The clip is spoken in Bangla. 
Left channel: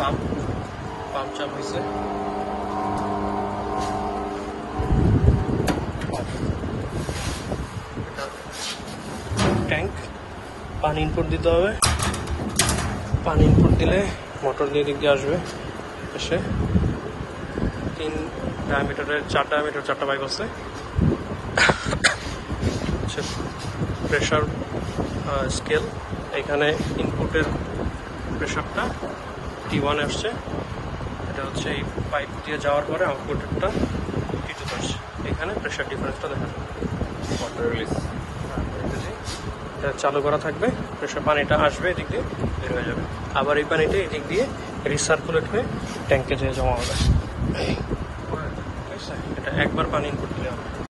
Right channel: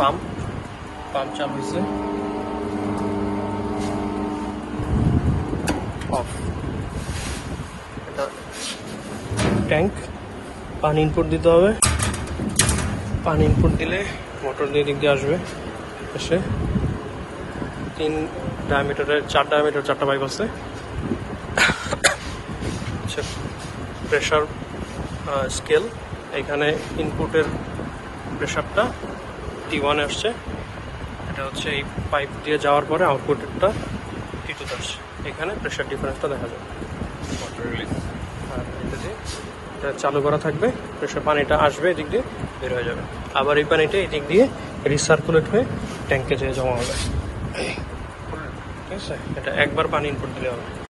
পাম্প চালু হয়েছে, অফ। এটা ট্যাঙ্ক, পানি ইনপুট দিতে হবে। পানি ইনপুট দিলে মোটর দিয়ে দিক দিয়ে আসবে, এসে 4 ডায়ামিটারের 4টা পাইপ আছে। প্রেশার স্কেল, এখানে ইনপুটের প্রেশারটা T1 আসছে, এটা হচ্ছে এই পাইপ দিয়ে যাওয়ার পরে আউটপুটেরটা T2 আসছে। এখানে প্রেশার ডিফারেন্সটা দেখা যাবে। এটা চালু করা থাকবে, প্রেশার পানিটা আসবে, এদিক দিয়ে বের হয়ে যাবে। আবার এই পানিটা এদিক দিয়ে রিসার্কুলেট হয়ে ট্যাঙ্কে যেয়ে জমা হবে। ঠিক আছে, এটা একবার পানি ইনপুট দিলে হবে।